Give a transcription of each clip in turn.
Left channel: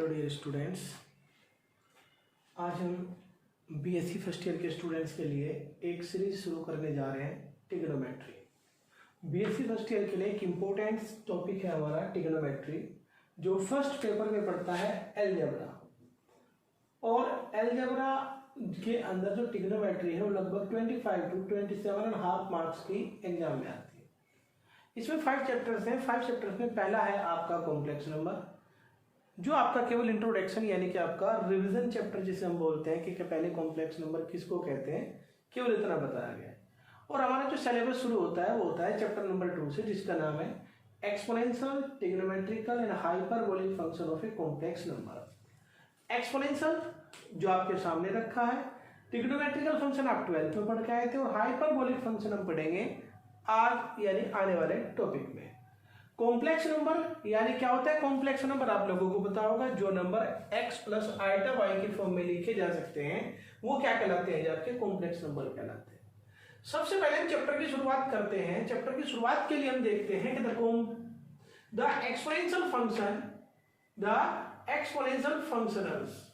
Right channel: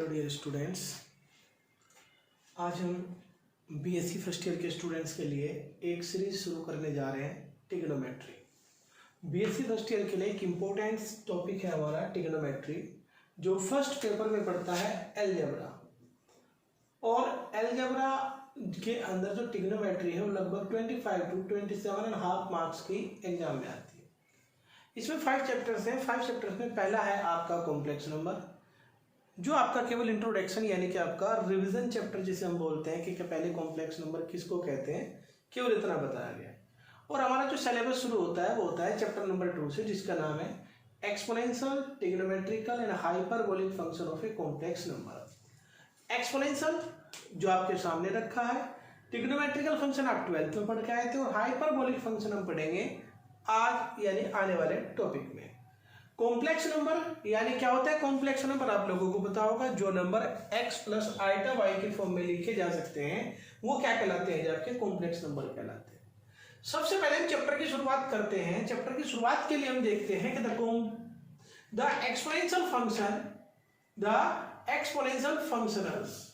Hello dear students, आज हम BSc first year के स्टूडेंट्स के लिए एक सीरीज शुरू करने जा रहे हैं ट्रिग्नोमेट्री। बीएससी फर्स्ट ईयर के लिए एक इम्पोर्टेंट टॉपिक है हमारा ट्रिग्नोमेट्री, जो फर्स्ट पेपर में पढ़ता है अलजेब्रा। और अलजेब्रा के अंदर जो ट्रिग्नोमेट्री है वो लगभग 25 to 27.5 मार्क्स की एग्जाम में आती है। इसमें 5 चैप्टर्स हैं। 5 चैप्टर्स में पहला है आपका कॉम्प्लेक्स नंबर, जो आपका केवल इंट्रोडक्शन यानी कि आपका रिवीजन चैप्टर जिसे हम बोलते हैं कि पहले कॉम्प्लेक्स नंबर किसको कहते हैं, केवल इतना बताया गया है। और हमारा जो सिलेबस शुरू होता है वो होता है चैप्टर नंबर 2 से, जिसका नाम है exponential, trigonometrical and hyperbolic function of a complex number. Exponential जो आपके सामने रखा है, ट्रिग्नोमेट्रिकल फंक्शन आप 12th में पढ़ के आए थे, और हाइपरबोलिक फंक्शन हम पढ़ेंगे आज यानी आने वाले टॉपिक में। कॉम्प्लेक्स नंबर यानी क्या होता है? कॉम्प्लेक्स नंबर आप लोगों को पता होगा, जो number x plus iota y के फॉर्म में लिखे जा सकते हैं वो क्या कहलाते हैं? आपके कॉम्प्लेक्स नंबर कहलाते हैं। सबसे पहले हम चैप्टर की शुरुआत करते हैं। चैप्टर की शुरुआत के लिए हम देखते हैं कि the exponential functionals.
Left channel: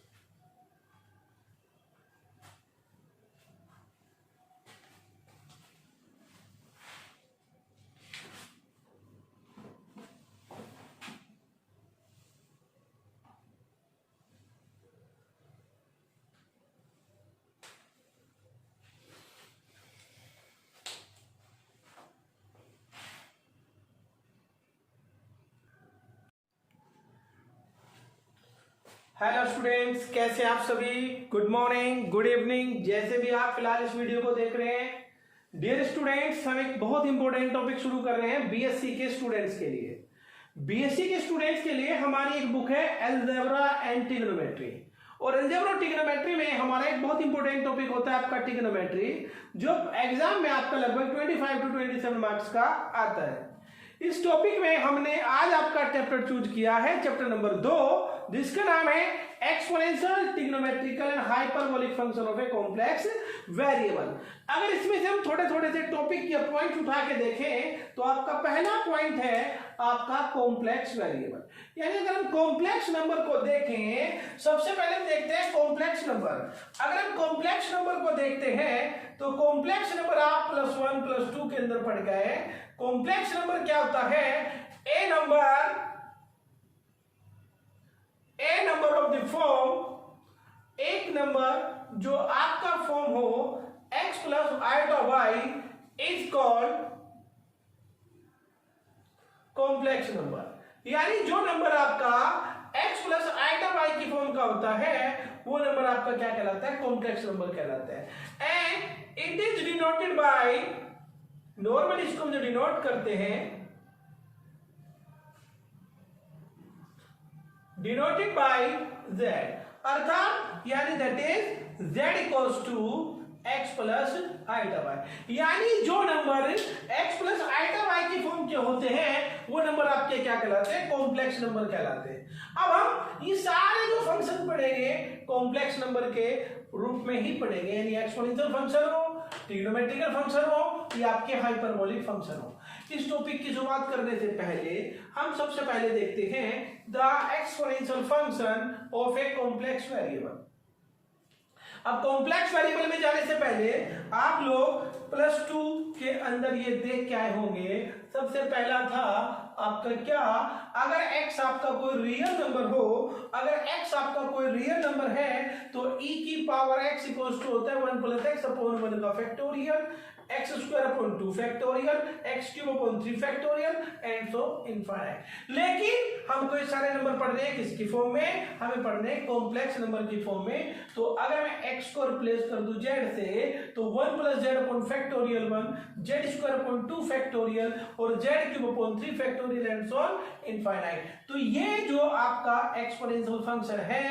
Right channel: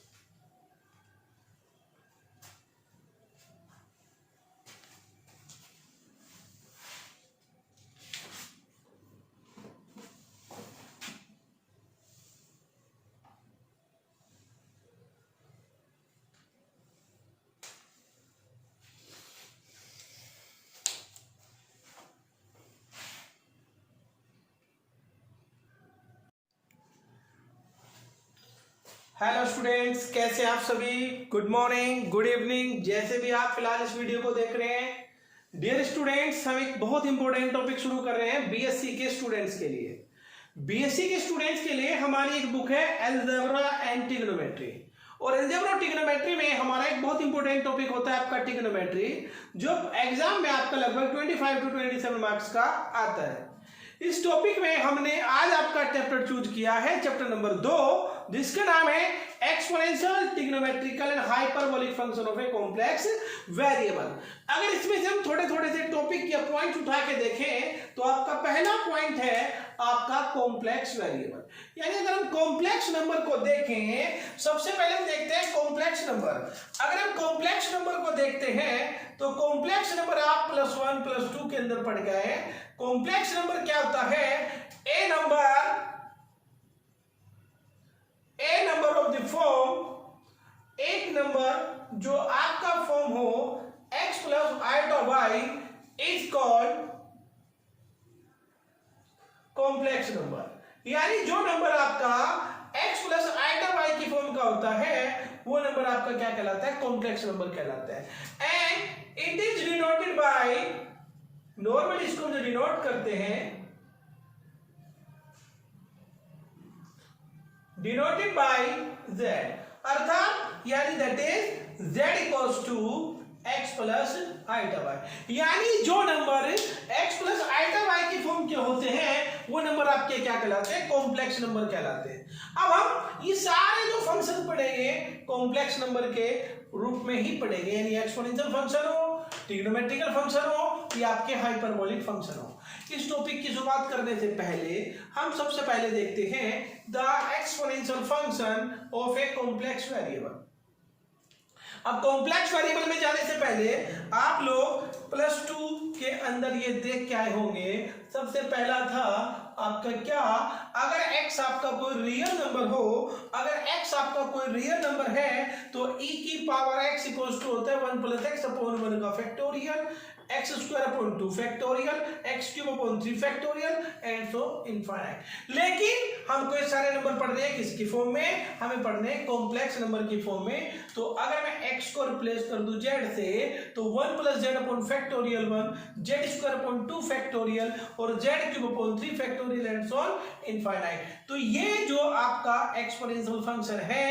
Hello students, कैसे आप सभी? गुड मॉर्निंग, गुड इवनिंग, जैसे भी आप फिलहाल इस वीडियो को देख रहे हैं। डियर स्टूडेंट्स, हम एक बहुत इंपॉर्टेंट टॉपिक शुरू कर रहे हैं बीएससी के स्टूडेंट्स के लिए। बीएससी के स्टूडेंट्स के लिए हमारी एक बुक है अलजेब्रा एंड ट्रिग्नोमेट्री। और अलजेब्रा और ट्रिग्नोमेट्री में हमारा एक बहुत इंपॉर्टेंट टॉपिक होता है आपका ट्रिग्नोमेट्री, जो एग्जाम में आपका लगभग 25 to 27 मार्क्स का आता है। इस टॉपिक में हमने आज आपका चैप्टर चूज किया है, चैप्टर नंबर 2, जिसका नाम है exponential, trigonometrical and hyperbolic function of a complex variable. अगर इसमें से हम थोड़े थोड़े से टॉपिक या पॉइंट उठा के देखें तो आपका पहला पॉइंट है आपका कॉम्प्लेक्स वेरिएबल। यानी अगर हम कॉम्प्लेक्स नंबर को देखें, सबसे पहले हम देखते हैं कॉम्प्लेक्स नंबर। अगर हम कॉम्प्लेक्स नंबर को देखते हैं तो कॉम्प्लेक्स नंबर आप +1 +2 के अंदर पढ़ गए। कॉम्प्लेक्स नंबर क्या होता है? A number of the form, एक नंबर जो आपका फॉर्म हो x plus iota y is called complex number. यानी जो नंबर आपका x प्लस आइटा y की फॉर्म का होता है वो नंबर आपका क्या कहलाता है? कॉम्प्लेक्स नंबर कहलाता है। And it is denoted by, normally इसको हम जो डिनोट करते हैं, डिनोटेड बाय z, अर्थात यानी that is z equals to x plus iota y। यानी जो number x plus iota y की फॉर्म के होते हैं वो नंबर आपके क्या कहलाते हैं? कॉम्प्लेक्स नंबर कहलाते हैं। अब हम ये सारे जो फंक्शन पढ़ेंगे कॉम्प्लेक्स नंबर के रूप में ही पढ़ेंगे, यानी एक्सपोनेंशियल फंक्शन हो, ट्रिग्नोमेट्रिकल फंक्शन हो या आपके हाइपरबोलिक फंक्शन हो। इस टॉपिक की शुरुआत करने से पहले हम सबसे पहले देखते हैं the exponential function of a complex variable. अब कॉम्प्लेक्स वेरिएबल में जाने से पहले आप लोग +2 के अंदर ये देख के आए होंगे। सबसे पहला था आपका क्या? अगर x आपका कोई रियल नंबर हो, अगर x आपका कोई रियल नंबर है तो e की पावर x इक्वल्स टू होता है 1 + x अपॉन 1 का factorial, x² upon 2 factorial, x³ upon 3 factorial and so infinite. लेकिन हम कोई सारे नंबर पढ़ रहे हैं किसकी फॉर्म में? हमें पढ़ने हैं कॉम्प्लेक्स नंबर की फॉर्म में। तो अगर मैं x को रिप्लेस कर दूं z से तो 1 + z upon factorial 1, z² upon 2 factorial और z³ upon 3 factorial and so infinite. तो ये जो आपका एक्सपोनेंशियल फंक्शन है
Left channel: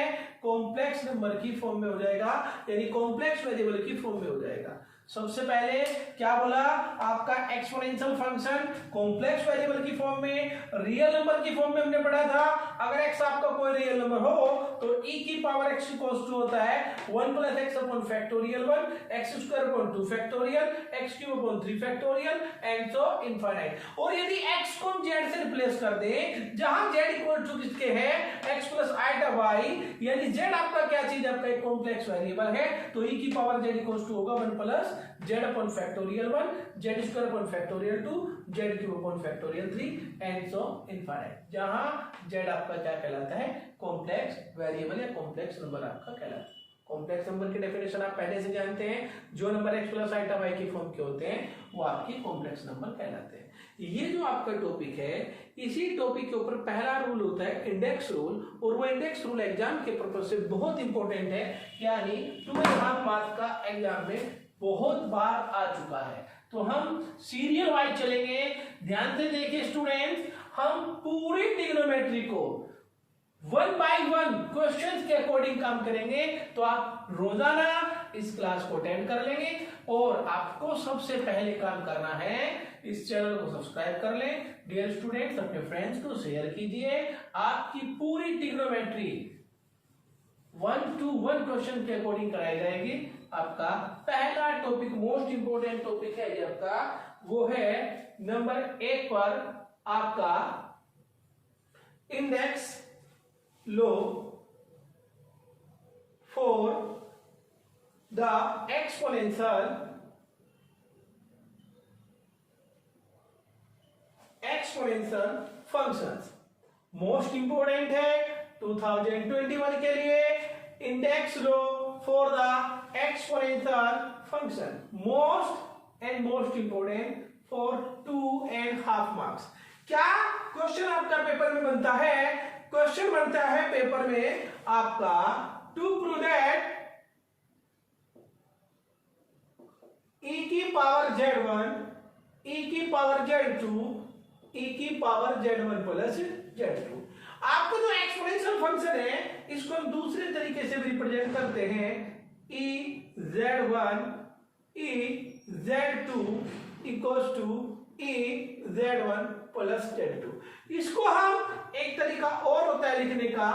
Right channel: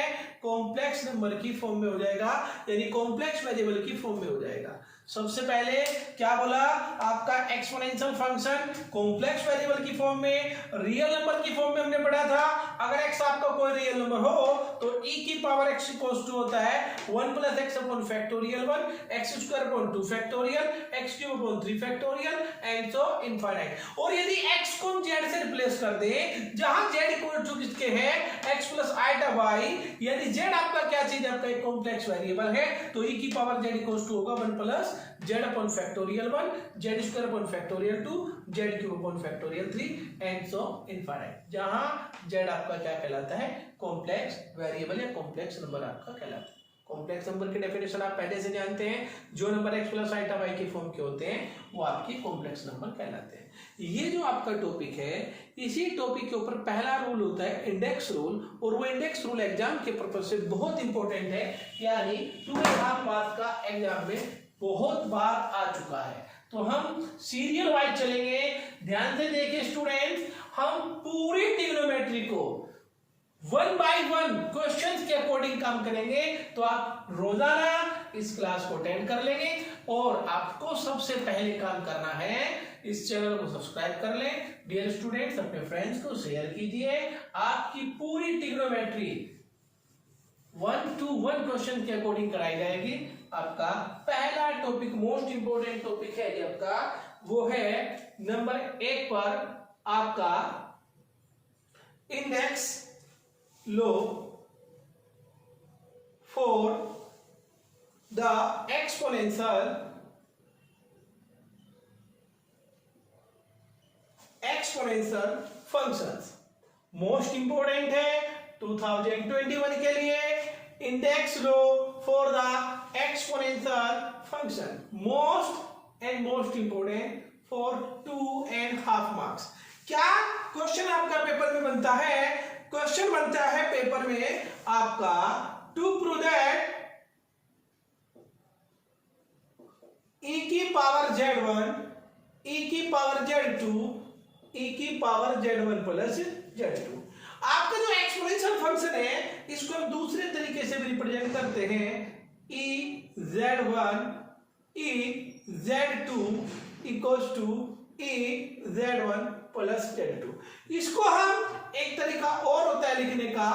कॉम्प्लेक्स नंबर की फॉर्म में हो जाएगा, यानी कॉम्प्लेक्स वेरिएबल की फॉर्म में हो जाएगा। सबसे पहले क्या बोला, आपका एक्सपोनेंशियल फंक्शन कॉम्प्लेक्स वेरिएबल की फॉर्म में, रियल नंबर की फॉर्म में हमने पढ़ा था। अगर x आपका कोई रियल नंबर हो तो e की पावर x इक्वल्स टू होता है 1 + x upon factorial 1, x square upon 2 factorial, x cube upon 3 factorial and so infinite. और यदि x को हम z से रिप्लेस कर दें, जहां z इक्वल टू किसके है, x + i/y, यानी z आपका क्या चीज है, आपका एक कॉम्प्लेक्स वेरिएबल है, तो e की पावर z इक्वल्स टू होगा 1 + z upon factorial 1, z square upon factorial 2, z cube upon factorial 3 and so infinite. जहां z आपका क्या कहलाता है, कॉम्प्लेक्स वेरिएबल या कॉम्प्लेक्स नंबर आपका कहलाता है। कॉम्प्लेक्स नंबर की डेफिनेशन आप पहले से जानते हैं, जो नंबर x + i/y की फॉर्म के होते हैं वो आपकी कॉम्प्लेक्स नंबर कहलाते हैं। ये जो आपका टॉपिक है, इसी टॉपिक के ऊपर पहला रूल होता है इंडेक्स रूल, और वो इंडेक्स रूल एग्जाम के पर्पज से बहुत इंपॉर्टेंट है, यानी 2.5 मार्क्स का एग्जाम में बहुत बार आ चुका है। तो हम सीरियल वाइज चलेंगे, ध्यान से देखिए स्टूडेंट्स, हम पूरी ट्रिग्नोमेट्री को 1 बाय 1 क्वेश्चंस के अकॉर्डिंग काम करेंगे। तो आप रोजाना इस क्लास को अटेंड कर लेंगे, और आपको सबसे पहले काम करना है, इस चैनल को सब्सक्राइब कर लें। डियर स्टूडेंट्स, अपने फ्रेंड्स को शेयर कीजिए। आपकी पूरी ट्रिग्नोमेट्री 1 to 1 क्वेश्चन के अकॉर्डिंग कराई जाएगी। आपका पहला टॉपिक, मोस्ट इंपोर्टेंट टॉपिक है ये आपका, वो है नंबर 1 पर आपका index low for the exponential functions. Most important है 2021 के लिए, index low for the exponential function, most important for 2.5 marks. क्या क्वेश्चन आपका पेपर में बनता है, क्वेश्चन बनता है पेपर में आपका टू प्रूव दैट e की पावर z1, e की पावर z2, e की पावर z1 प्लस z2। आपका जो एक्सपोनेंशियल फंक्शन है, इसको हम दूसरे तरीके से भी रिप्रेजेंट करते हैं, e z1 e z2 equals to e z1 plus z2। इसको हम, एक तरीका और होता है लिखने का,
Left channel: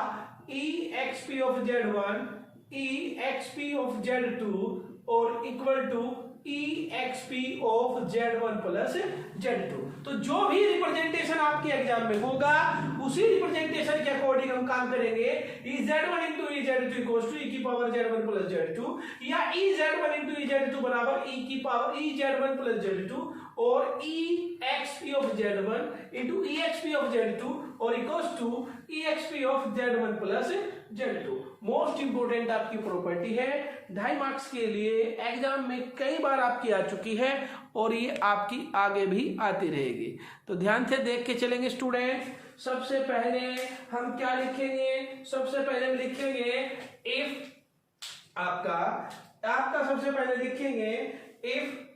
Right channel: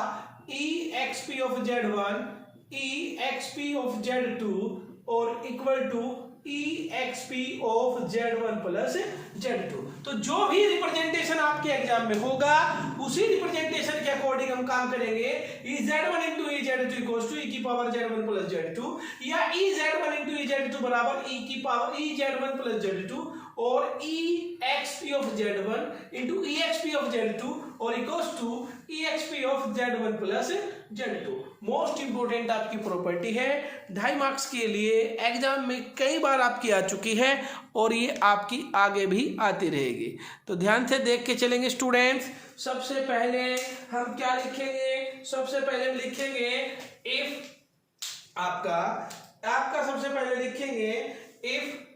e xp of z1 e xp of z2 और equal to e xp of z1 plus z2। तो जो भी रिप्रेजेंटेशन आपके एग्जाम में होगा, उसी रिप्रेजेंटेशन के अकॉर्डिंग हम काम करेंगे। e z1 into e z2 equals to e की पावर z1 प्लस z2, या e z1 into e z2 बराबर e की power e z1 plus z2, और e xp of z1 into e xp of z2 और equals to e xp of z1 plus z2। Most important आपकी property है, 2.5 marks के लिए exam में कई बार आपकी आ चुकी है, और ये आपकी आगे भी आती रहेगी। तो ध्यान से देख के चलेंगे स्टूडेंट्स। सबसे पहले हम क्या लिखेंगे, सबसे पहले हम लिखेंगे इफ आपका सबसे पहले लिखेंगे if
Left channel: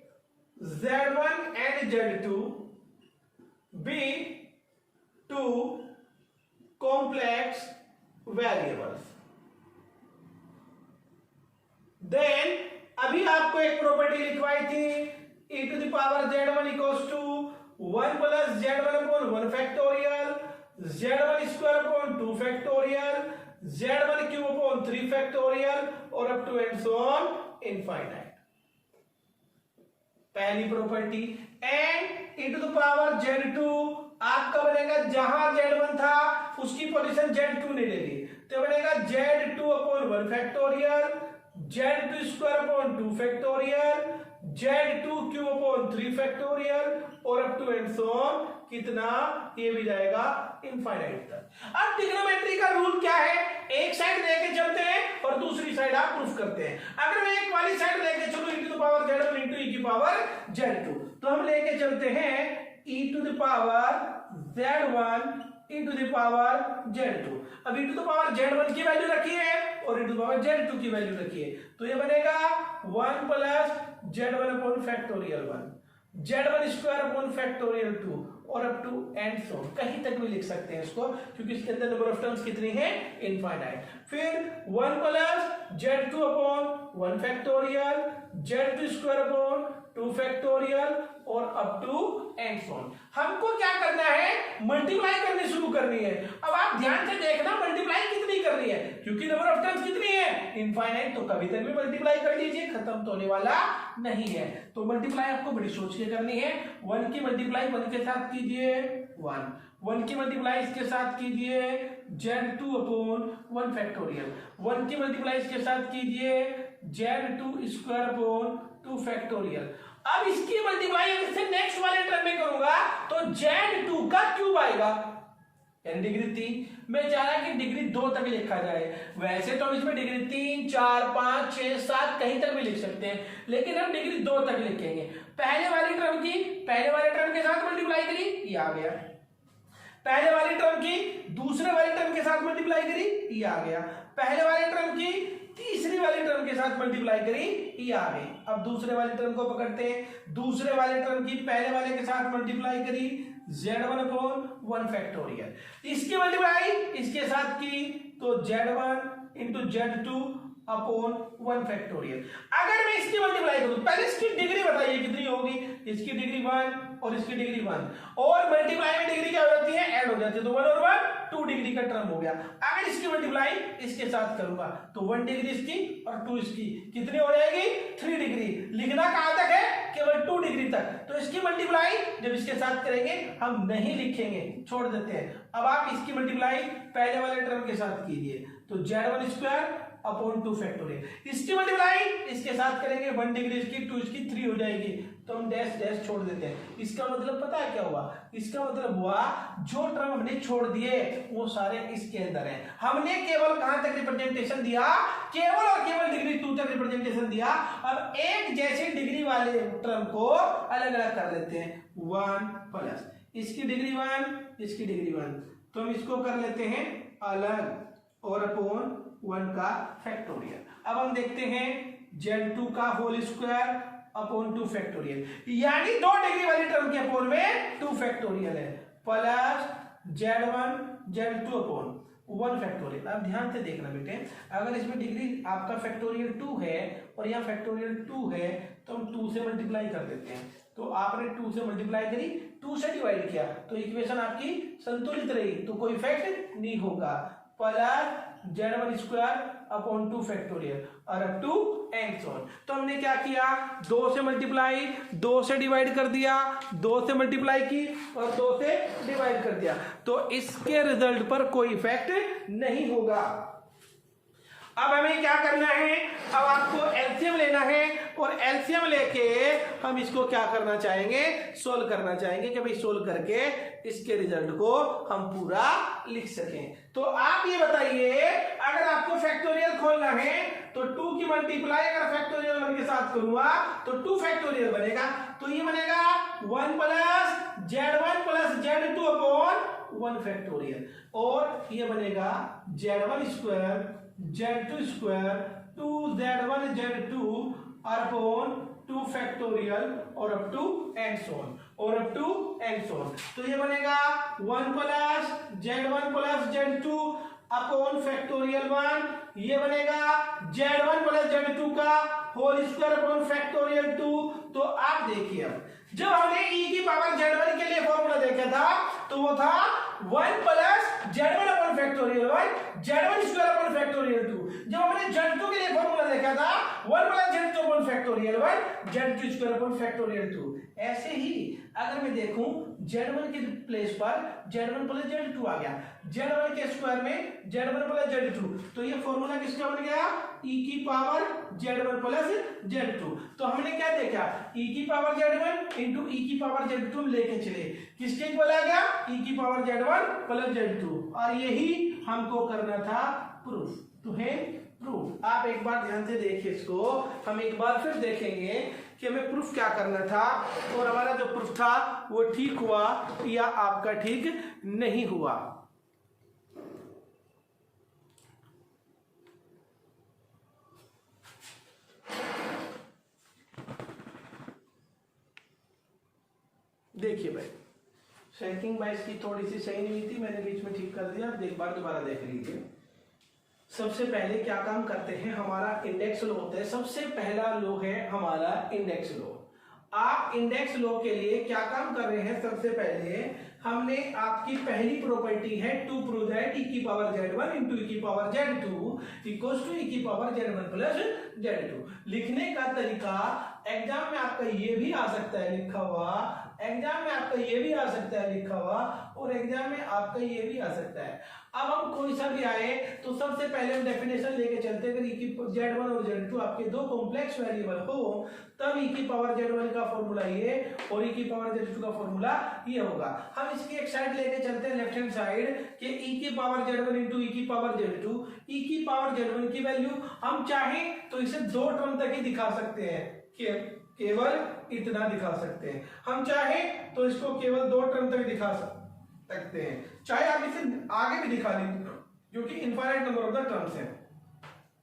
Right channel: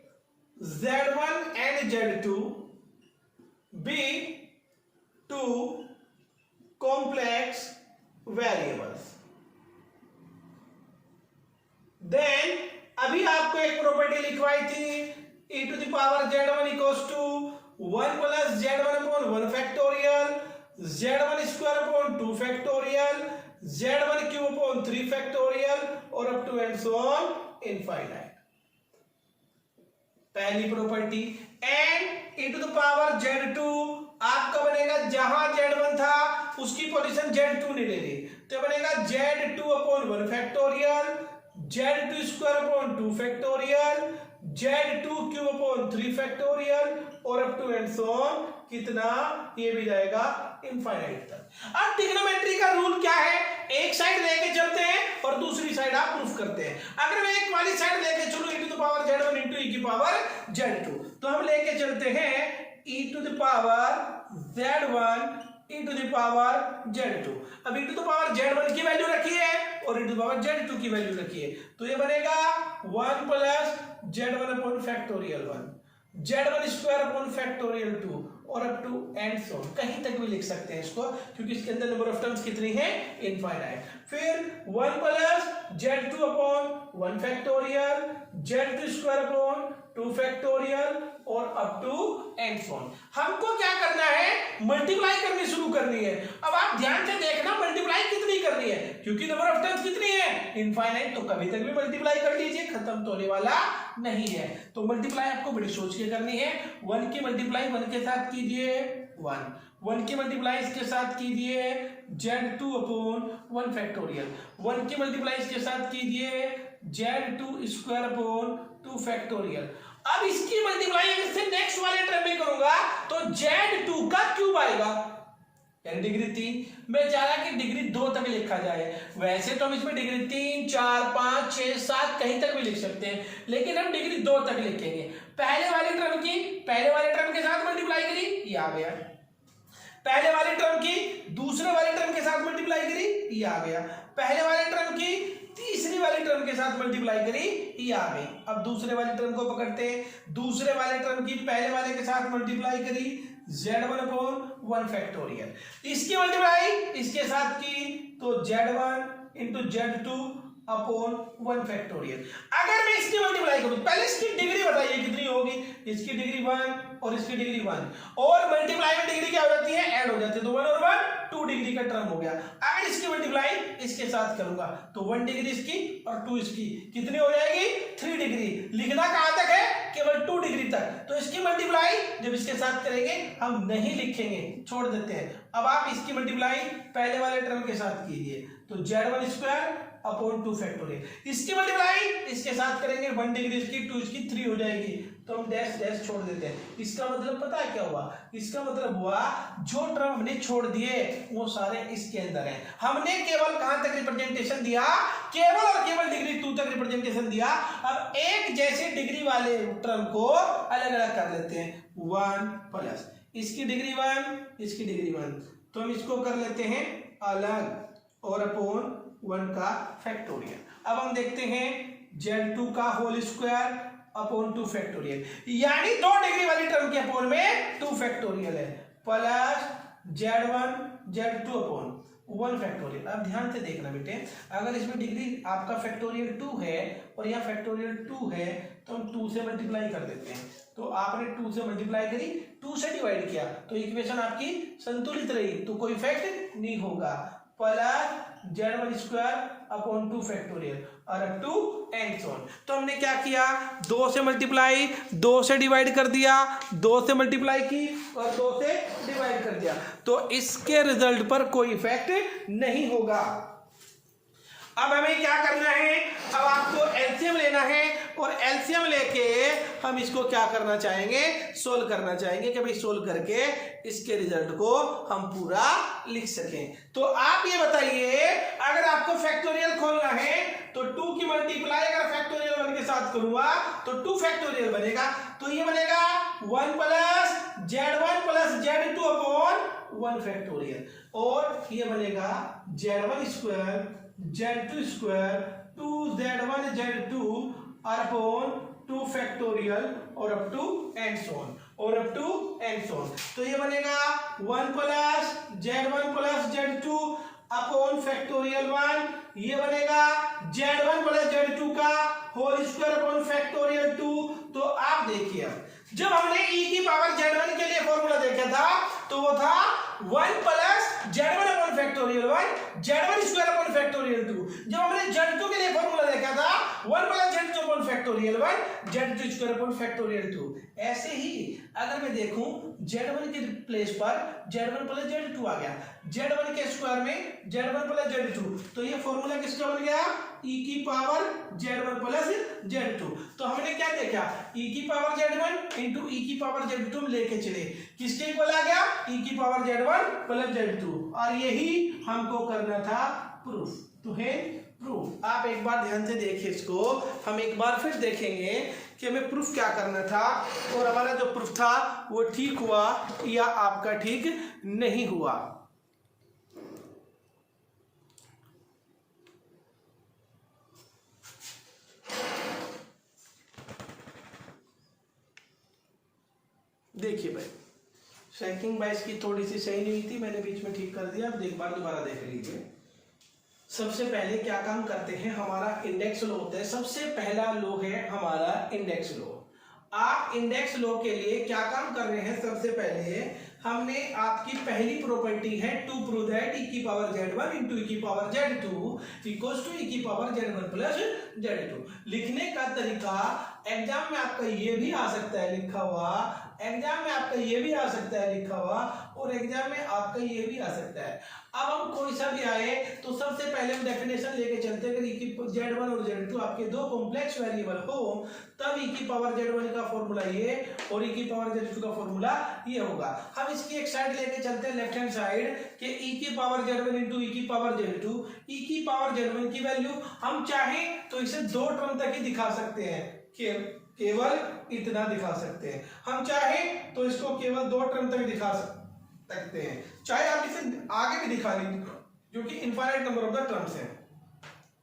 z1 and z2 be two complex variables, then अभी आपको एक प्रॉपर्टी लिखवाई थी, e to the power z1 equals to 1 plus z1 upon 1 factorial, z1 square upon 2 factorial, z1 cube upon 3 factorial और up to and so on infinite. पहली property. And e to the power z2 आपका बनेगा, जहां z1 था उसकी position z2 नहीं लेगी, तो बनेगा z2 upon 1 factorial, z2 square upon 2 factorial, z2 cube upon 3 factorial और up to and so on, कितना, ये भी जाएगा इनफाइनाइट तक। अब ट्रिग्नोमेट्री का रूल क्या है, एक साइड लेके चलते हैं और दूसरी साइड आप प्रूफ करते हैं। अगर मैं एक वाली साइड लेके चलूं e to the power z1 into e की पावर z2, तो हम लेके चलते हैं e to the power z1 e to the power z2। अब e to the power z1 की वैल्यू रखी है और e to the power z2 की वैल्यू रखी है, तो ये बनेगा 1 plus z1 upon factorial 1, z1 square upon factorial 2 और अप टू एंड सो, कहीं तक भी लिख सकते हैं इसको, क्योंकि इसके अंदर नंबर ऑफ टर्म्स कितनी है, इनफाइनाइट। फिर 1 plus Z2 upon 1 factorial, Z2 square upon 2 factorial और up to and so on. हमको क्या करना है, मल्टीप्लाई करनी शुरू करनी है। अब आप ध्यान से देखना मल्टीप्लाई कितनी करनी है, क्योंकि नंबर ऑफ टर्म्स कितनी है, इनफाइनाइट, तो कभी तक भी मल्टीप्लाई कर लीजिए, खत्म तो होने वाला नहीं है। तो मल्टीप्लाई आपको बड़ी सोच के करनी है। 1 की मल्टीप्लाई 1 के साथ कीजिए 1 की मल्टीप्लाई इसके साथ कीजिए Z2 अपॉन 1 फैक्टोरियल, 1 की मल्टीप्लाई इसके साथ कीजिए Z2 स्क्वायर अपॉन 2 फैक्टोरियल। अब इसकी मल्टीप्लाई इससे नेक्स्ट वाले टर्म में करूंगा तो Z2 का क्यूब आएगा, डिग्री 3। मैं चाह रहा कि डिग्री 2 तक लिखा जाए, वैसे तो हम इसमें डिग्री 3, 4, 5, 6, 7 कहीं तक भी लिख सकते हैं, लेकिन हम डिग्री 2 तक लिखेंगे। पहले वाले टर्म के साथ मल्टीप्लाई करी, ये आ गया। पहले वाले टर्म की दूसरे वाले टर्म के साथ मल्टीप्लाई करी, ये आ गया। पहले वाले टर्म की तीसरी वाले टर्म के साथ मल्टीप्लाई करी, ये आ गई। अब दूसरे वाले टर्म को पकड़ते हैं, दूसरे वाले टर्म की पहले वाले के साथ मल्टीप्लाई करी Z1 अपॉन 1 फैक्टोरियल, इसकी मल्टीप्लाई इसके साथ की तो Z1 into Z2 upon 1 factorial. अगर मैं इसकी मल्टीप्लाई करूं, पहले इसकी डिग्री बताइए कितनी होगी, इसकी डिग्री 1 और इसकी डिग्री 1, और मल्टीप्लाई में डिग्री क्या हो जाती है, ऐड हो जाती है, तो 1 और 1 2 डिग्री का टर्म हो गया। अगर इसकी मल्टीप्लाई इसके साथ करूंगा तो 1 डिग्री इसकी और 2 इसकी, कितनी हो जाएगी 3 डिग्री। लिखना कहां तक है, केवल 2 डिग्री तक। तो इसकी मल्टीप्लाई जब इसके साथ करेंगे हम नहीं लिखेंगे, छोड़ देते हैं। अब आप इसकी मल्टीप्लाई पहले वाले टर्म के साथ कीजिए तो Z1 स्क्वायर अपॉन 2 फैक्टोरियल, इसकी मल्टीप्लाई इसके साथ करेंगे 1 डिग्री इसकी, 2 इसकी 3 हो जाएगी, तो हम डैश डैश छोड़ देते हैं। इसका मतलब पता है क्या हुआ, इसका मतलब हुआ जो टर्म हमने छोड़ दिए वो सारे इसके अंदर हैं। हमने केवल कहां तक रिप्रेजेंटेशन दिया, केवल और केवल डिग्री 2 तक रिप्रेजेंटेशन दिया। अब एक जैसे डिग्री वाले टर्म को अलग अलग कर लेते हैं, 1 प्लस इसकी डिग्री 1 इसकी डिग्री 1, तो हम इसको कर लेते हैं अलग और अपॉन 1 का फैक्टोरियल। अब हम देखते हैं Z2 का होल स्क्वायर अपॉन 2 फैक्टोरियल, यानी 2 डिग्री वाली टर्म के अपॉन में 2 फैक्टोरियल है, plus Z1 Z2 upon 1 factorial. अब ध्यान से देखना बेटे, अगर इसमें डिग्री आपका फैक्टोरियल 2 है और यहाँ फैक्टोरियल 2 है तो हम 2 से मल्टीप्लाई कर देते हैं। तो आपने 2 से मल्टीप्लाई करी, 2 से डिवाइड किया तो इक्वेशन आपकी संतुलित रही, तो कोई इफेक्ट नहीं होगा। Plus Z1 square upon 2 factorial और up to and so on. तो हमने क्या किया, 2 से मल्टीप्लाई 2 से डिवाइड कर दिया, 2 से मल्टीप्लाई की और 2 से डिवाइड कर दिया, तो इसके रिजल्ट पर कोई इफेक्ट नहीं होगा। अब हमें क्या करना है, अब आपको एलसीएम लेना है और एलसीएम लेके हम इसको क्या करना चाहेंगे, सोल्व करना चाहेंगे कि भाई सोल्व करके इसके रिजल्ट को हम पूरा लिख सकें। तो आप ये बताइए, अगर आपको फैक्टोरियल खोलना है तो 2 की मल्टीप्लाई अगर फैक्टोरियल 1 के साथ करूंगा तो 2 फैक्टोरियल बनेगा, तो ये बनेगा 1 plus Z1 plus Z2 upon 1 factorial, और ये बनेगा Z1 square Z2 square 2Z1 Z2 और अपॉन 2 फैक्टोरियल और up to and so on, और up to and so on. तो ये बनेगा 1 plus Z1 plus Z2 upon factorial 1, ये बनेगा Z1 प्लस Z2 का होल स्क्वायर अपॉन फैक्टोरियल 2। तो आप देखिए, जब हमने e की पावर Z1 के लिए फॉर्मूला देखा था तो वो था 1 plus Z1 upon factorial 1 Z1 square upon factorial 2। जब हमने Z2 के लिए फॉर्मूला देखा था 1 plus Z2 upon factorial 1 Z2 square upon factorial 2। ऐसे ही अगर मैं देखूं Z1 के प्लेस पर Z1 प्लस Z2 आ गया, Z1 के स्क्वायर में Z1 प्लस Z2, तो ये फॉर्मूला किसका बन गया, e की पावर Z1 प्लस Z2। तो हमने क्या देखा, e की पावर Z1 इंटू e की पावर Z2 हम लेके चले, किसके इक्वल आ गया, e की पावर Z1 प्लस Z2, और यही हमको करना था प्रूफ, तो है प्रूफ। आप एक बार ध्यान से देखिए इसको, हम एक बार फिर देखेंगे कि हमें प्रूफ क्या करना था और हमारा जो प्रूफ था वो ठीक हुआ या आपका ठीक नहीं हुआ। देखिए भाई, सेटिंग बाइस की थोड़ी सी सही नहीं थी, मैंने बीच में ठीक कर दिया, अब एक बार दोबारा देख लीजिए। सबसे पहले क्या काम करते हैं, हमारा इंडेक्स लो होता है। सबसे पहला लो है हमारा इंडेक्स लो। आप इंडेक्स लो के लिए क्या काम कर रहे हैं, सबसे पहले हमने आपकी पहली प्रॉपर्टी है टू प्रूव दैट e की पावर z1 इंटू e की power z2 equals to e की पावर z1 प्लस z2। लिखने का तरीका एग्जाम में आपका ये भी आ सकता है लिखा हुआ, एग्जाम में आपका ये भी आ सकता है लिखा हुआ, और एग्जाम में आपका ये भी आ सकता है। अब हम कोई सा भी आए तो सबसे पहले हम डेफिनेशन लेके चलते हैं, अगर e की z1 और z2 आपके दो कॉम्प्लेक्स वेरिएबल हो तब e की पावर z1 का फॉर्मूला ये और e की पावर z2 का फॉर्मूला ये होगा। हम इसकी एक साइड लेके चलते हैं लेफ्ट हैंड साइड कि e की पावर z1 इंटू e की पावर z2, e की पावर z1 की वैल्यू हम चाहें तो इसे दो टर्म तक ही दिखा सकते हैं, केवल इतना दिखा सकते हैं। हम चाहें तो इसको केवल दो टर्म तक दिखा सकते हैं, चाहे आप इसे आगे भी दिखा लीजिए क्योंकि infinite number of the terms हैं।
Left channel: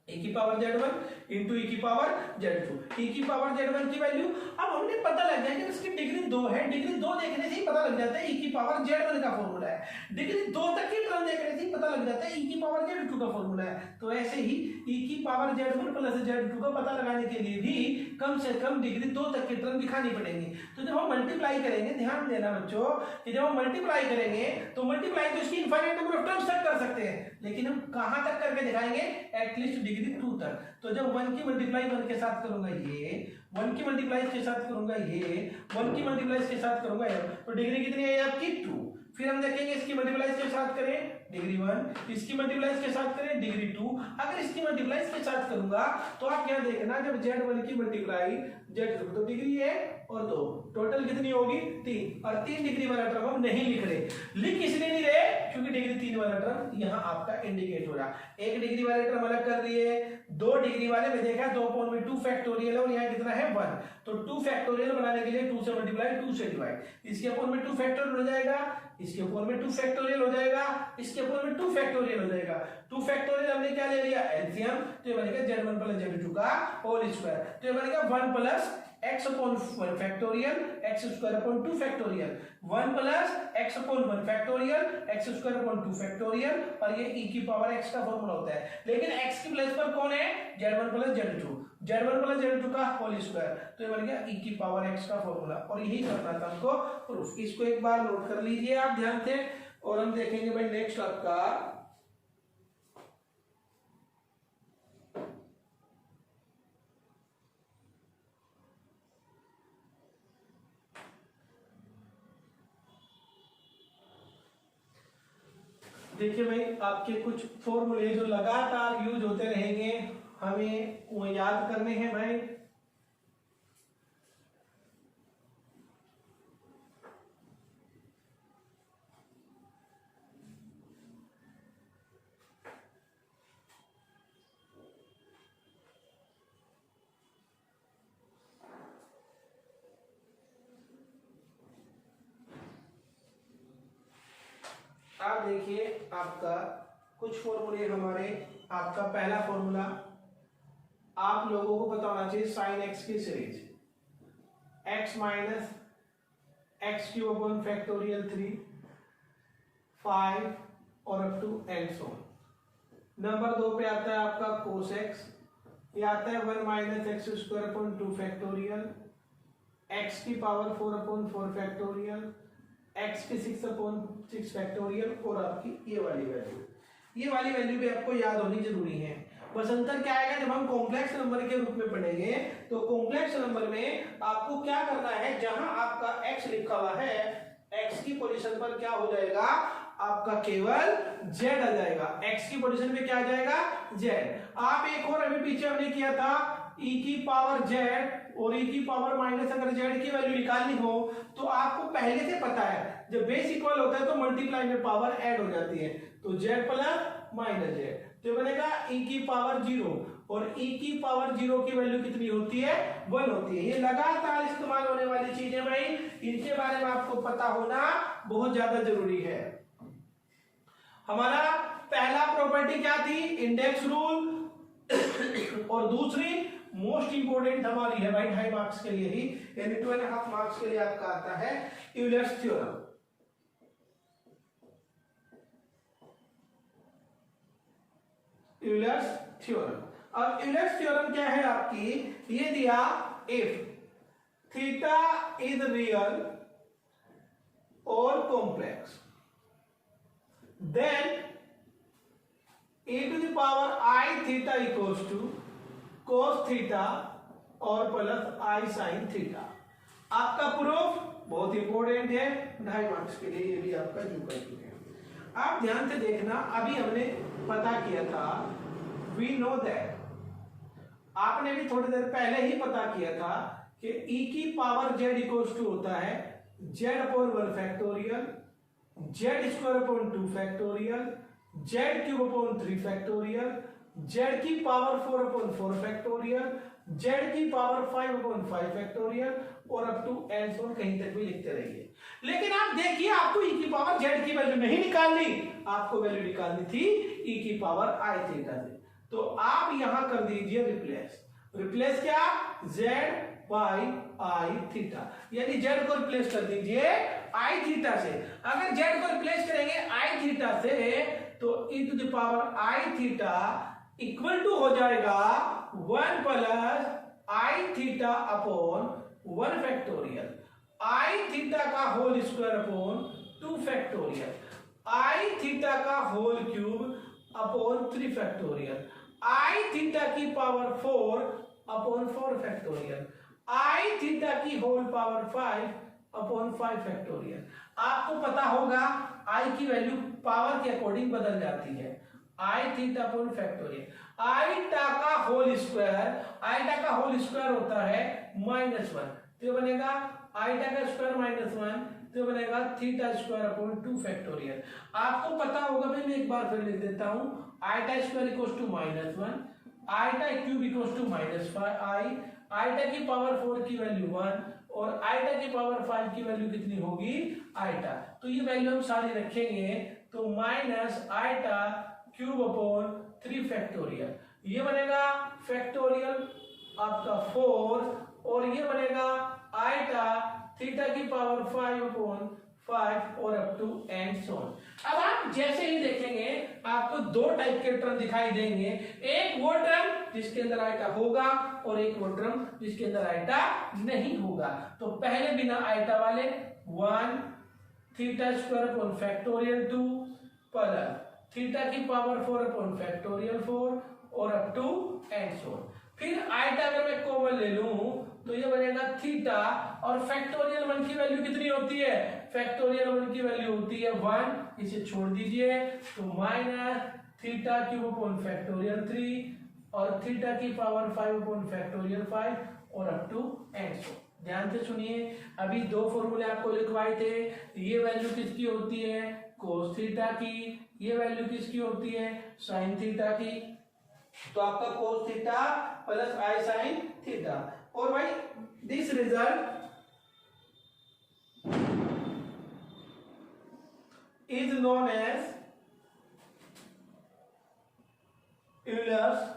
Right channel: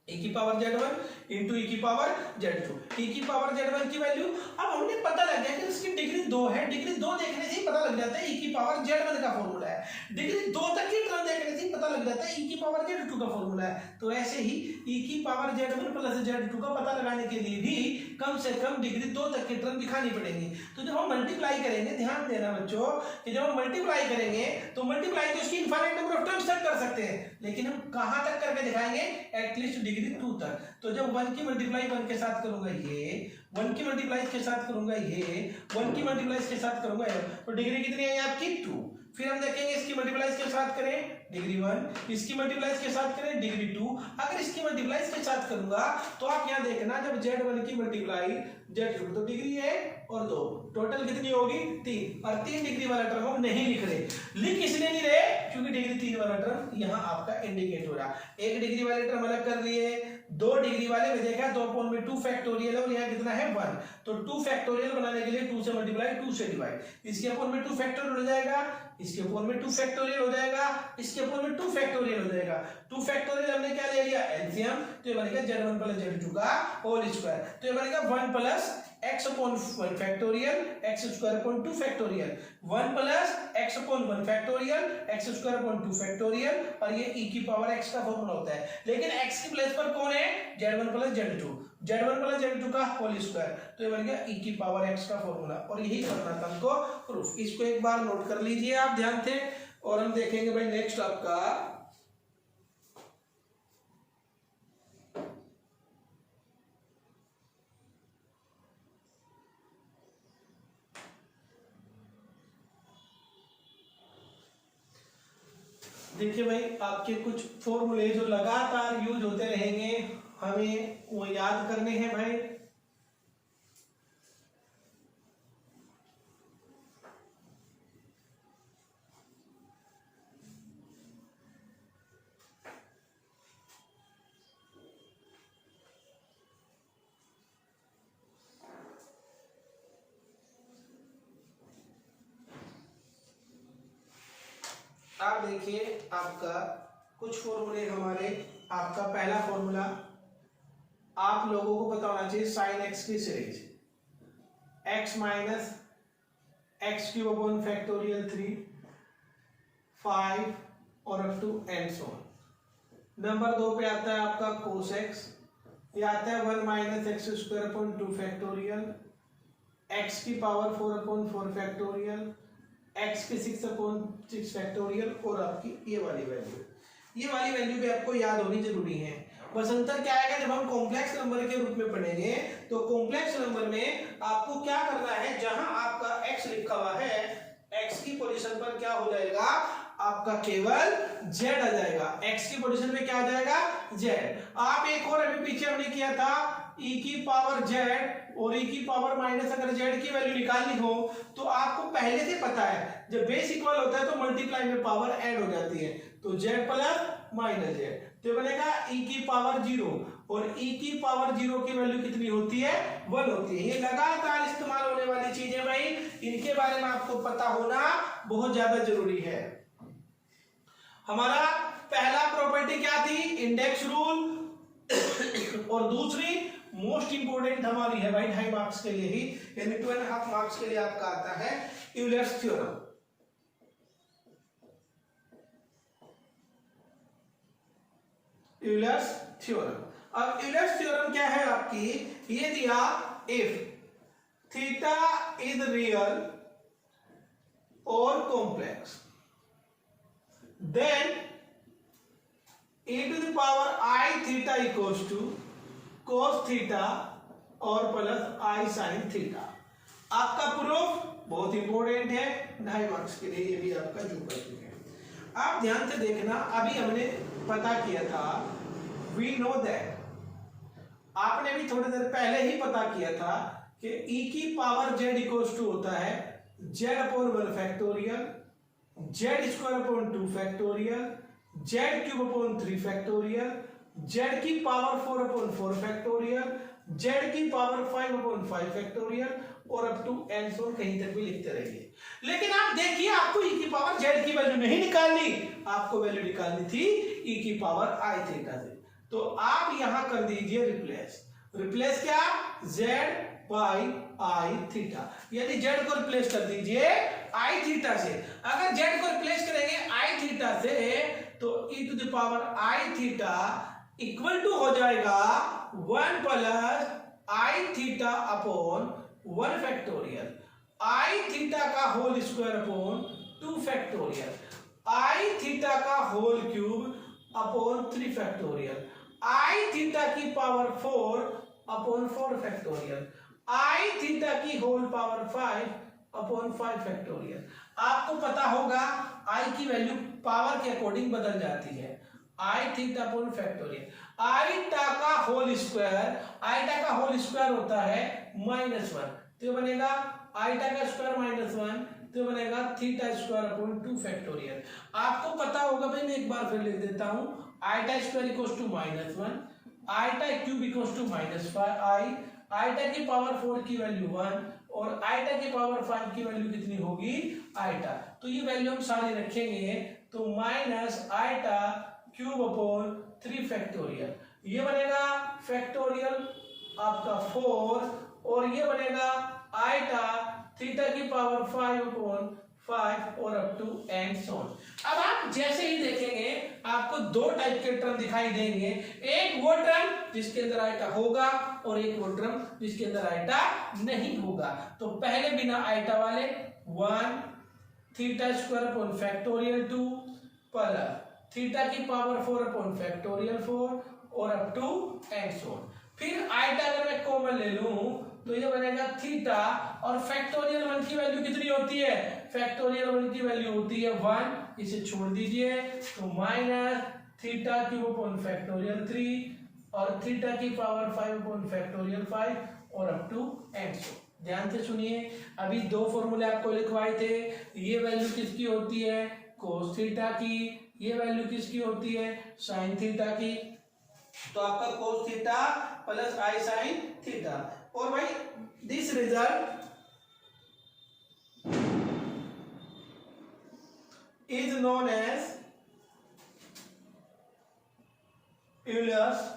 e की पावर z1 इंटू e की पावर z2, e की पावर z1 की वैल्यू अब हमने पता लग गया कि इसकी डिग्री 2 है, डिग्री 2 देखने से ही पता लग जाता है e की पावर z1 का फॉर्मूला है। डिग्री 2 तक की टर्म देखने से ही पता लग जाता है e की पावर z2 का फॉर्मूला है। तो ऐसे ही e की पावर z1 प्लस z2 का पता लगाने के लिए भी कम से कम डिग्री 2 तक की टर्म दिखानी पड़ेगी। तो जब हम मल्टीप्लाई करेंगे, ध्यान देना बच्चों कि जब हम मल्टीप्लाई करेंगे तो मल्टीप्लाई तो इसकी इनफाइनाइट नंबर ऑफ टर्म्स तक कर सकते हैं, लेकिन हम कहां तक करके दिखाएंगे, एटलीस्ट डिग्री 2 तक। तो जब 1 की मल्टीप्लाई 1 के साथ करूंगा ये, 1 की मल्टीप्लाई के साथ करूंगा ये, 1 की मल्टीप्लाई के साथ करूंगा ये, तो डिग्री कितनी है आपकी 2। फिर हम देखेंगे इसकी मल्टीप्लाई के साथ करें डिग्री 1, इसकी मल्टीप्लाई के साथ करें डिग्री 2। अगर इसकी मल्टीप्लाई के साथ करूंगा तो आप यहां देखना जब z1 की मल्टीप्लाई z2 तो डिग्री 1 और 2 टोटल कितनी होगी 3, और 3 डिग्री वाला टर्म हम नहीं लिख रहे, लिख इसलिए नहीं रहे क्योंकि डिग्री 3 वाला टर्म यहां आपका इंडिकेट हो रहा। 1 डिग्री वाले टर्म अलग कर लिए, 2 डिग्री वाले में देखा 2/2 फैक्टोरियल है और यहाँ कितना है 1, तो 2 फैक्टोरियल बनाने के लिए 2 से मल्टीप्लाई 2 से डिवाइड, इसके अपॉन में 2 फैक्टोरियल हो जाएगा, इसके अपॉन में 2 फैक्टोरियल हो जाएगा, इसके अपॉन में 2 फैक्टोरियल हो जाएगा। 2 फैक्टोरियल हमने क्या ले लिया एलसीएम, तो ये बनेगा z1 प्लस z2 का होल स्क्वायर, तो ये बनेगा 1 plus x upon 1 factorial x square upon 2 factorial, 1 plus x upon 1 factorial x square upon 2 factorial, और ये e की पावर x का फॉर्मूला होता है। लेकिन x की प्लेस पर कौन है z1 प्लस z2 का होल स्क्वायर, तो ये बन गया e की पावर x का फॉर्मूला, और यही करना था हमको प्रूफ। इसको एक बार नोट कर लीजिए आप ध्यान से, और हम देखेंगे भाई नेक्स्ट आपका देखिए भाई आपके कुछ फॉर्मूले जो लगातार यूज होते रहेंगे हमें वो याद करने हैं भाई। आप देखिए आपका कुछ फॉर्मूले हमारे, आपका पहला फॉर्मूला आप लोगों को पता होना चाहिए साइन एक्स की series x minus x cube upon factorial 3 5 और up to and so on. Number 2 पे आता है आपका कोस एक्स, ये आता है 1 minus x square upon 2 factorial, x की पावर 4 अपॉन 4 फैक्टोरियल, x के 6 अपॉन 6 फैक्टोरियल, और आपकी ये वाली वैल्यू भी आपको याद होनी जरूरी है। बस अंतर क्या आएगा जब हम कॉम्प्लेक्स नंबर के रूप में पढ़ेंगे, तो कॉम्प्लेक्स नंबर में आपको क्या करना है, जहां आपका x लिखा हुआ है x की पोजीशन पर क्या हो जाएगा आपका केवल z आ जाएगा, x की पोजीशन पे क्या आ जाएगा z। आप एक और अभी पीछे हमने किया था e की पावर z और e की पावर माइनस, अगर z की वैल्यू निकालनी हो तो आपको पहले से पता है जब बेस इक्वल होता है तो मल्टीप्लाई में पावर ऐड हो जाती है, तो z प्लस माइनस z, तो बनेगा e की पावर 0, और e की पावर 0 की वैल्यू कितनी होती है 1 होती है। ये लगातार इस्तेमाल होने वाली चीजें भाई, इनके बारे में आपको पता होना बहुत ज्यादा जरूरी है। हमारा पहला प्रॉपर्टी क्या थी इंडेक्स रूल, और दूसरी मोस्ट इंपोर्टेंट हमारी है भाई 2.5 मार्क्स के लिए ही, यानी 2.5 मार्क्स के लिए आपका आता है यूलर्स थ्योरम। Euler's theorem. अब यूलर्स थ्योरम क्या है आपकी, ये दिया इफ थीटा इज रियल और complex then e to the power I theta equals to cos theta और प्लस I sin theta। आपका प्रूफ बहुत इंपॉर्टेंट है, 2.5 मार्क्स के लिए, ये भी आपका जो कर चुके हैं। आप ध्यान से देखना, अभी हमने पता किया था, वी नो दैट, आपने भी थोड़ी देर पहले ही पता किया था कि e की पावर z इक्वल्स टू होता है z upon 1 factorial, z square upon 2 factorial, z cube upon 3 factorial, z की पावर 4 अपॉन 4 फैक्टोरियल, z की पावर 5 अपॉन 5 फैक्टोरियल और अप टू एंड सो कहीं तक भी लिखते रहिए। लेकिन आप देखिए, आपको e की पावर z की वैल्यू नहीं निकालनी, आपको वैल्यू निकालनी थी e की पावर i थीटा से। तो आप यहां कर दीजिए रिप्लेस क्या, z बाई i थीटा, यानी z को रिप्लेस कर दीजिए i थीटा से। अगर z को रिप्लेस करेंगे i थीटा से तो e to the power i theta equal to हो जाएगा 1 plus i theta upon 1 factorial, i theta का whole square upon 2 factorial, i theta का whole cube upon 3 factorial, i theta की power 4 upon 4 factorial, i theta की whole power 5 upon 5 factorial. आपको पता होगा i की वैल्यू पावर के according बदल जाती है, i theta upon factorial, i टा का होल स्क्वायर होता है -1, तो बनेगा i टा का स्क्वायर -1, तो बनेगा थीटा स्क्वायर अपॉन 2 फैक्टोरियल। आपको पता होगा भाई, मैं एक बार फिर लिख देता हूं, i टा स्क्वायर इक्वल्स टू -1, i टा cube equals to -5i, i टा की पावर 4 की वैल्यू 1 और i टा की पावर 5 की वैल्यू कितनी होगी, i टा। तो ये वैल्यू हम सारी रखेंगे, तो माइनस i टा क्यूब अपॉन 3 फैक्टोरियल, ये बनेगा फैक्टोरियल आपका 4 और ये बनेगा i टा थीटा की पावर 5 अपॉन 5 और up to and so on. अब आप जैसे ही देखेंगे आपको दो टाइप के टर्म दिखाई देंगे, एक वो टर्म जिसके अंदर आइटा होगा और एक वो टर्म जिसके अंदर आइटा नहीं होगा। तो पहले बिना आइटा वाले 1 theta square upon factorial 2 plus theta की पावर 4 अपॉन फैक्टोरियल 4 और up to and so on. फिर आइटा अगर मैं कॉमन ले लूं तो ये बनेगा थीटा और फैक्टोरियल 1 की वैल्यू कितनी होती है, फैक्टोरियल 1 की वैल्यू होती है 1, इसे छोड़ दीजिए तो minus theta cube upon factorial 3 और थीटा की पावर 5 अपॉन फैक्टोरियल 5 और अप टू एंड सो। ध्यान से सुनिए, अभी दो फॉर्मूले आपको लिखवाए थे, ये वैल्यू किसकी होती है, कोस थीटा की, ये वैल्यू किसकी होती है, साइन थीटा की। तो आपका cos theta plus i sine theta, और भाई this result is known as Euler's,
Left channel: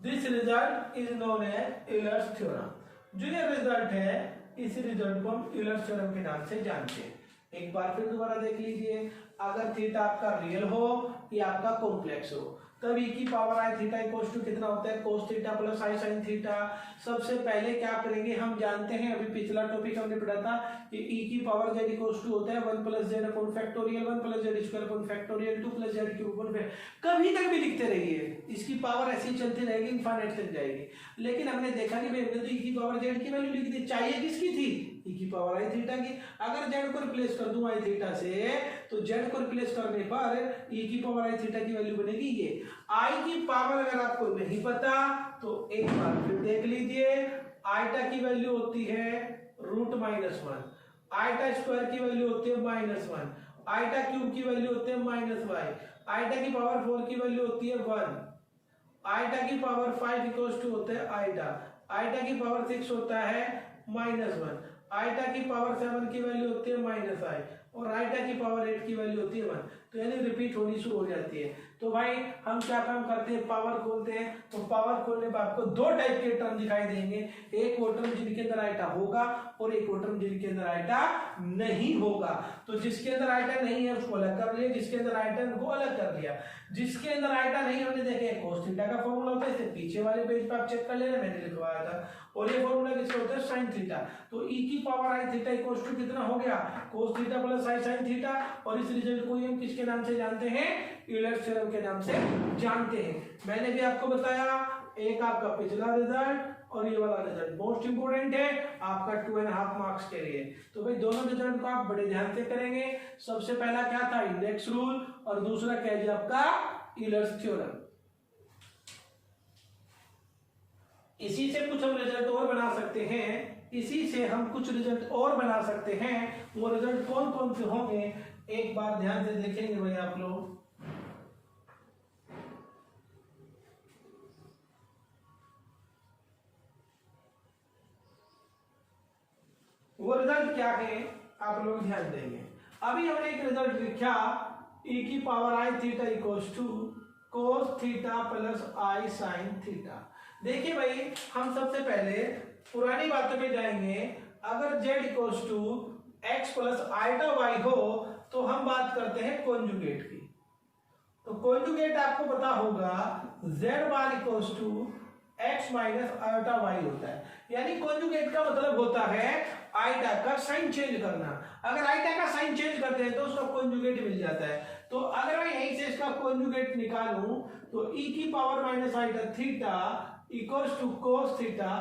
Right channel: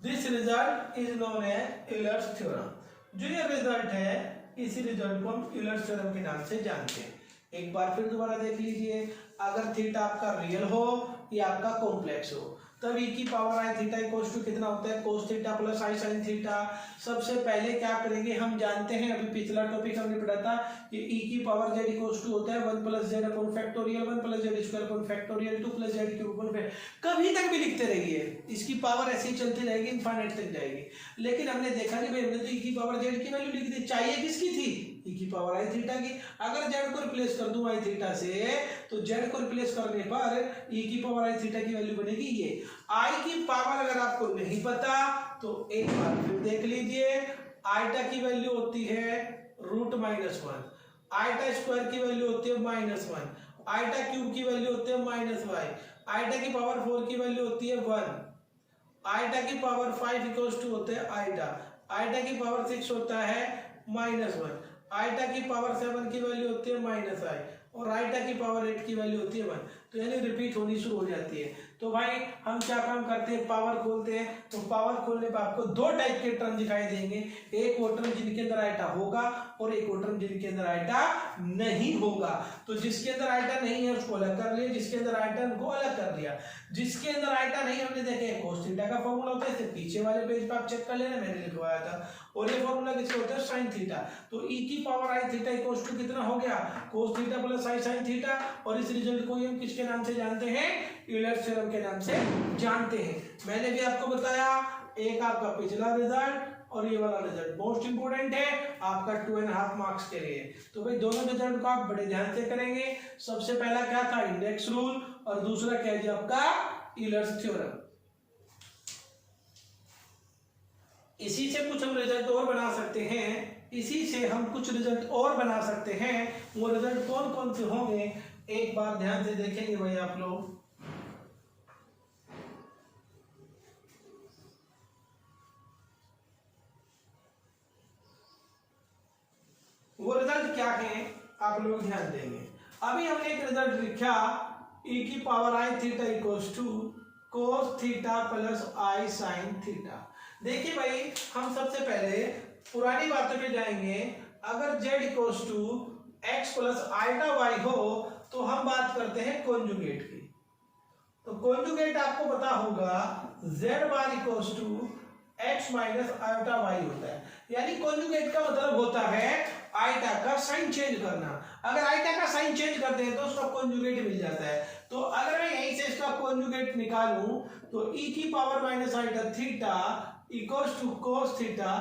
this result is known as Euler's theorem. जो ये रिजल्ट है इसी रिजल्ट को हम यूलर्स थ्योरम के नाम से जानते हैं। एक बार फिर दोबारा देख लीजिए, अगर थीटा आपका रियल हो या आपका कॉम्प्लेक्स हो तब e की power i theta equals to कितना होता है, cos theta plus i sine theta. सबसे पहले क्या करेंगे, हम जानते हैं, अभी पिछला टॉपिक हमने पढ़ा था कि e की पावर z इक्वल्स टू होता है 1 plus Z upon factorial 1 plus Z square upon factorial 2 plus Z cube upon factorial. कभी तक भी लिखते रहिए, इसकी पावर ऐसी चलती रहेगी, इनफाइनाइट तक जाएगी। लेकिन हमने देखा कि भाई हमने तो e की पावर z की वैल्यू लिख दी, चाहिए किसकी थी, e की पावर आई थीटा की। अगर z को रिप्लेस कर दूं आई थीटा से तो z को रिप्लेस करने पर e की पावर आई थीटा की वैल्यू बनेगी ये। i की पावर अगर आपको नहीं पता तो एक बार फिर देख लीजिए, आइटा की वैल्यू होती है √-1, आइटा स्क्वायर की वैल्यू होती है -1, आइटा क्यूब की वैल्यू होती है -y, आइटा की पावर 4 की वैल्यू होती है 1, आइटा की पावर 5 इक्वल्स टू होता है आइटा, आइटा की पावर 6 होता है -1, आइटा की पावर 7 की वैल्यू होती है -i और आइटा की पावर 8 की वैल्यू होती है 1। तो यानी रिपीट होनी शुरू हो जाती है। तो भाई हम क्या काम करते हैं, पावर खोलते हैं। तो पावर खोलने पर आपको दो टाइप के टर्म दिखाई देंगे, एक वो टर्म जिनके अंदर आइटा होगा और एक वो टर्म जिनके अंदर आइटा नहीं होगा। तो जिसके अंदर आइटा नहीं है उसको अलग कर लिया, जिसके अंदर आइटा को अलग कर लिया। जिसके अंदर आइटा नहीं हमने देखे cos थीटा का फॉर्मूला होता है, इसे पीछे वाले पेज पर आप चेक कर लेना, मैंने लिखवाया था। और ये फॉर्मूला किसका होता है, sin थीटा। तो e की power i theta equals to कितना हो गया, cos theta plus i sin theta. और इस रिजल्ट को हम किसके नाम से जानते हैं, यूलर्स थ्योरम के नाम से जानते हैं। मैंने भी आपको बताया, एक आपका पिछला रिजल्ट और ये वाला रिजल्ट मोस्ट इंपोर्टेंट है आपका 2.5 मार्क्स के लिए। तो भाई दोनों रिजल्ट को आप बड़े ध्यान से करेंगे। सबसे पहला क्या था, इंडेक्स रूल, और दूसरा क्या है आपका यूलर्स थ्योरम। इसी से कुछ हम रिजल्ट और बना सकते हैं, इसी से हम कुछ रिजल्ट और बना सकते हैं। वो रिजल्ट कौन कौन से होंगे, एक बार ध्यान से देखेंगे भाई आप लोग। वो रिजल्ट क्या है आप लोग ध्यान देंगे। अभी हमने एक रिजल्ट लिखा, e की power i theta equals to cos theta plus i sin theta. देखिए भाई हम सबसे पहले पुरानी बातों पे जाएंगे। अगर z equals to x plus iota y हो तो हम बात करते हैं कॉन्जुगेट की। तो कॉन्जुगेट आपको पता होगा z bar equals to x minus iota y होता है। यानी कॉन्जुगेट का मतलब होता है आइटा का साइन चेंज करना। अगर आइटा का साइन चेंज करते हैं तो उसका कॉन्जुगेट मिल जाता है। तो अगर मैं यहीं से इसका कॉन्जुगेट निकालूं तो e की power minus iota theta equals to cos theta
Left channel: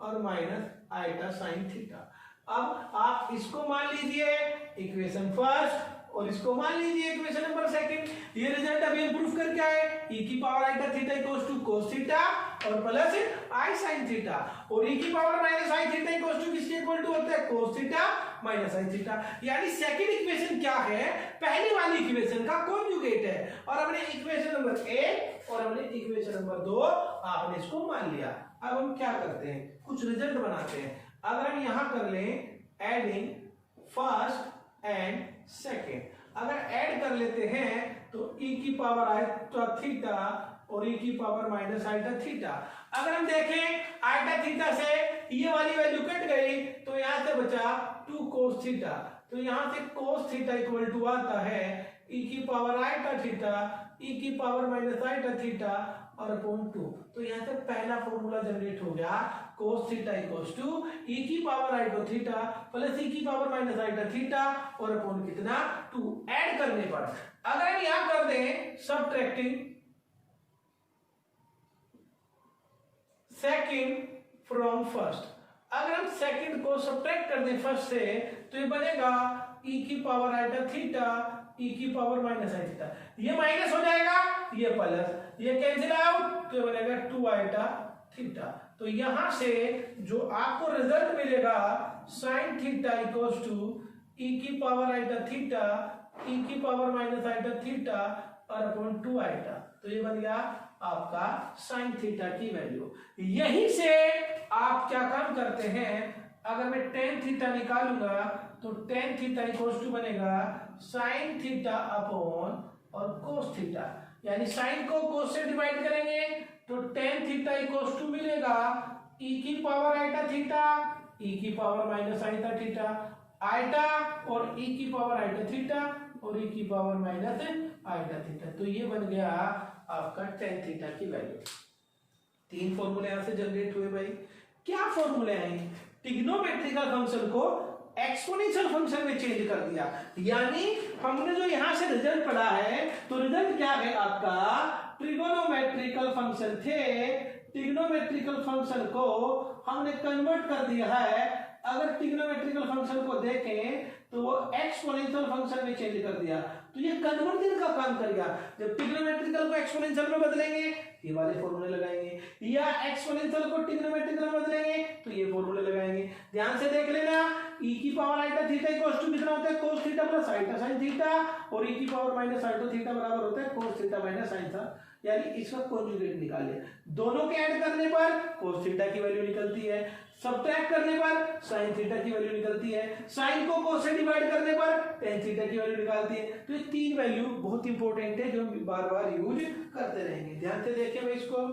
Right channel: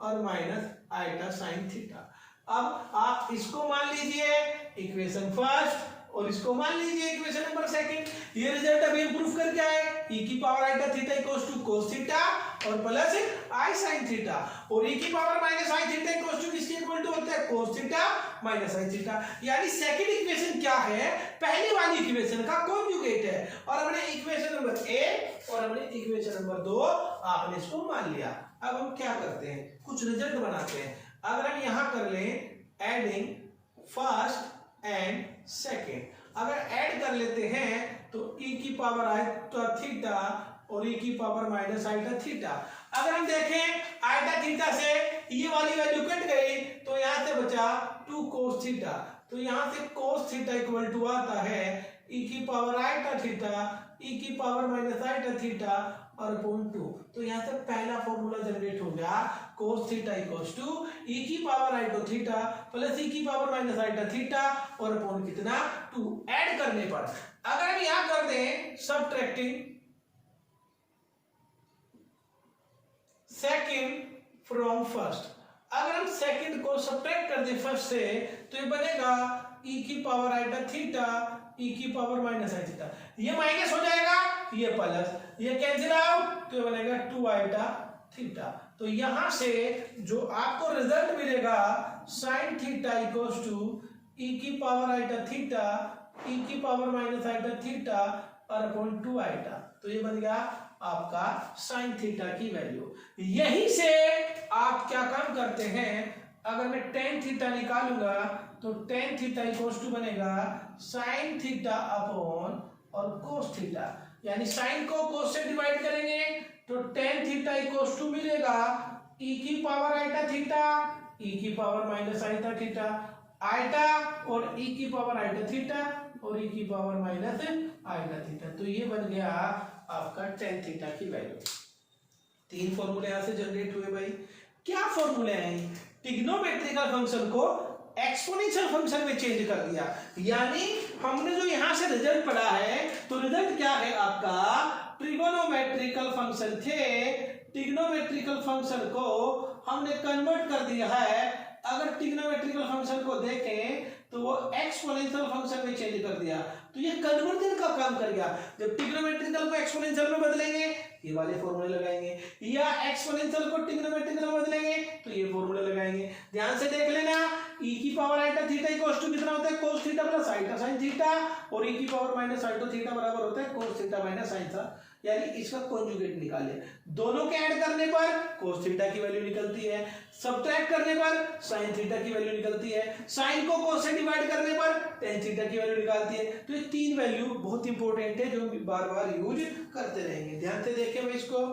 और माइनस आइटा साइन थीटा। अब आप इसको मान लीजिए इक्वेशन फर्स्ट और इसको मान लीजिए इक्वेशन नंबर सेकंड। ये रिजल्ट अभी हम प्रूफ करके आए, e की power iota theta equals to cos theta और प्लस i sin थीटा। और e की power minus i theta equals to किसके इक्वल टू होता है, cos theta minus i theta. यानी सेकंड इक्वेशन क्या है, पहली वाली इक्वेशन का कॉन्जुगेट है। और हमने इक्वेशन नंबर 1 और हमने इक्वेशन नंबर 2 आपने इसको मान लिया। अब हम क्या करते हैं, कुछ रिजल्ट बनाते हैं। अगर हम यहां कर लें एडिंग फर्स्ट एंड सेकेंड, अगर ऐड कर लेते हैं तो e की पावर आइटा थीटा और e की पावर माइनस आइटा थीटा। अगर हम देखें आइटा थीटा से ये वाली वैल्यू कट गई तो यहां से बचा 2 cos थीटा। तो यहां से cos थीटा इक्वल टू आता है e की पावर आइटा थीटा e की पावर माइनस आइटा थीटा और अपॉन 2। तो यहां से पहला फॉर्मूला जनरेट हो गया, cos theta equals to e की power iota theta plus e की पावर माइनस आइटा थीटा और अपॉन कितना 2। ऐड करने पर अगर हम यहां कर दें सबट्रैक्टिंग सेकंड फ्रॉम फर्स्ट, अगर हम सेकंड को सबट्रैक्ट कर दें फर्स्ट से तो ये बनेगा e की पावर आइटा थीटा e की पावर माइनस आई थीटा। ये माइनस हो जाएगा, ये प्लस, ये कैंसिल आउट तो ये बनेगा 2 आइटा थीटा। तो यहां से जो आपको रिजल्ट मिलेगा sin theta equals to e की पावर आइटा थीटा e की पावर माइनस आइटा थीटा और अपॉन 2 आइटा। तो ये बन गया आपका sin थीटा की वैल्यू। यहीं से आप क्या काम करते हैं, अगर मैं tan थीटा निकालूंगा तो tan थीटा इक्वल्स टू बनेगा sin थीटा अपॉन और cos थीटा। यानी sin को cos से डिवाइड करेंगे तो tan थीटा इक्वल्स टू मिलेगा e की पावर आइटा थीटा e की power minus iota theta iota और e की पावर आइटा थीटा और e की पावर माइनस आइटा थीटा। तो ये बन गया आपका tan थीटा की वैल्यू। 3 फॉर्मूले यहां से जनरेट हुए भाई। क्या फॉर्मूले हैं, ट्रिग्नोमेट्रिकल फंक्शन को एक्सपोनेंशियल फंक्शन में चेंज कर दिया। यानी हमने जो यहां से रिजल्ट पढ़ा है तो रिजल्ट क्या है आपका, ट्रिगोनोमेट्रिकल फंक्शन थे, ट्रिग्नोमेट्रिकल फंक्शन को हमने कन्वर्ट कर दिया है। अगर ट्रिग्नोमेट्रिकल फंक्शन को देखें तो वो एक्सपोनेंशियल फंक्शन में चेंज कर दिया, तो ये कन्वर्जन का काम करेगा। जब ट्रिग्नोमेट्रिकल को एक्सपोनेंशियल में बदलेंगे ये वाले फॉर्मूले लगाएंगे, या एक्सपोनेंशियल को ट्रिग्नोमेट्रिकल में बदलेंगे तो ये फॉर्मूले लगाएंगे। ध्यान से देख लेना, e की power iota theta equals to कितना होता है, cos theta plus iota sin theta और e की पावर माइनस आइटा थीटा बराबर होता है cos थीटा माइनस sin यानी इसका कॉन्जुगेट निकालिए। दोनों के ऐड करने पर cos थीटा की वैल्यू निकलती है, सब्ट्रैक्ट करने पर sin थीटा की वैल्यू निकलती है, sin को cos से डिवाइड करने पर tan थीटा की वैल्यू निकालती है। तो ये तीन वैल्यू बहुत इंपॉर्टेंट है जो हम बार बार यूज करते रहेंगे। ध्यान से देखें भाई इसको।